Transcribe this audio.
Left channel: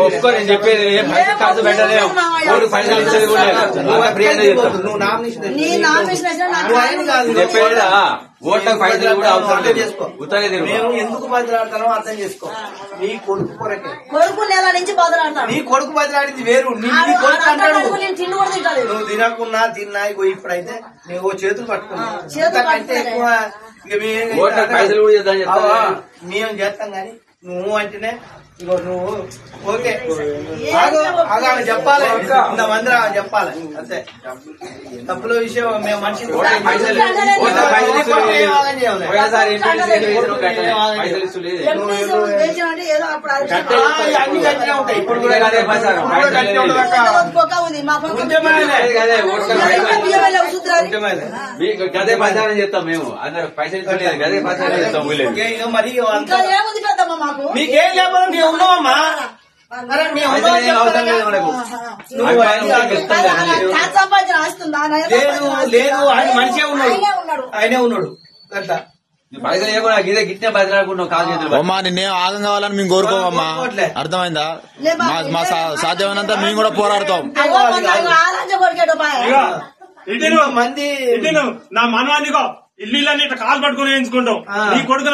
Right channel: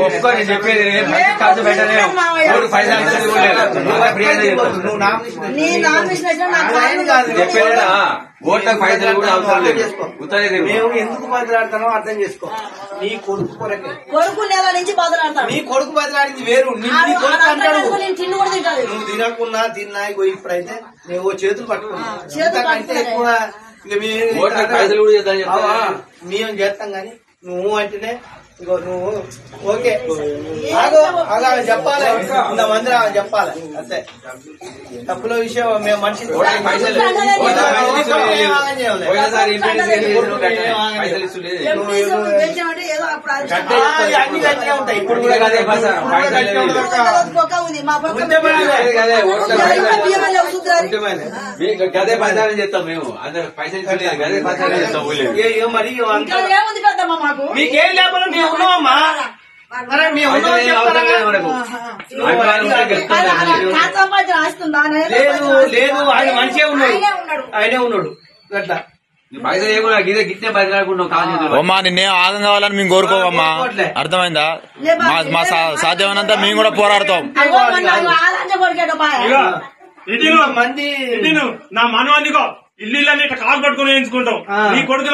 ఒప్పుకొని చెప్పేది ఖర్చు పెట్టలే పైసలు చెప్పేదా ఓట్ల పైసలు కూడా అవసరం లేదు. మేము ఎందుకు బదిలాడతానో అర్థం చేసుకో. నీ కొడుకు కొరకే కొడుకు నెల నుంచి బదులాడతాను. నీ కొడుకు బదిలాడింది వేరు. నువ్వు తినకున్నా తిన్నా ఇప్పుడైతే మేము చేతులు పట్టుకున్నా అంటే ఎక్కువ పైసలు కూడా మేము చేస్తాం గాని నువ్వు అంటేనే ఇగో నువ్వు ఓకే చెప్పాలి. ఇంతమంది చెప్పాలి అంతే. తప్పుల విషయం మేము మనిషి అన్ని గట్టిగా ఉంటాయి. ఇప్పుడు కూడా గదే ప్రచారం చేస్తాం మేము. అందరు పైసలు గదే ప్రచారం చేస్తాం. మరి మీకేం లేకపోతే మేము ఉన్నామమ్మా. లేదు ఆయన మంచిగా ఉన్నాడు. ఆయనే ఉన్నాడు అట్లా. పైసలు ఏమో గిట్టే బదిలాడుకున్నావు కాదు. అమ్మా నిన్నేం ఆగం కావాలని మేము కోరుకోవమ్మా. అర్థమైందా? మా సాధ్యమైనంత మేము కూడా పోరాడతాం. మంది నా మనం అందుకో ఇల్లు కాలు పట్టుకుని వేయించుకుంటాం. నీ కొడుకు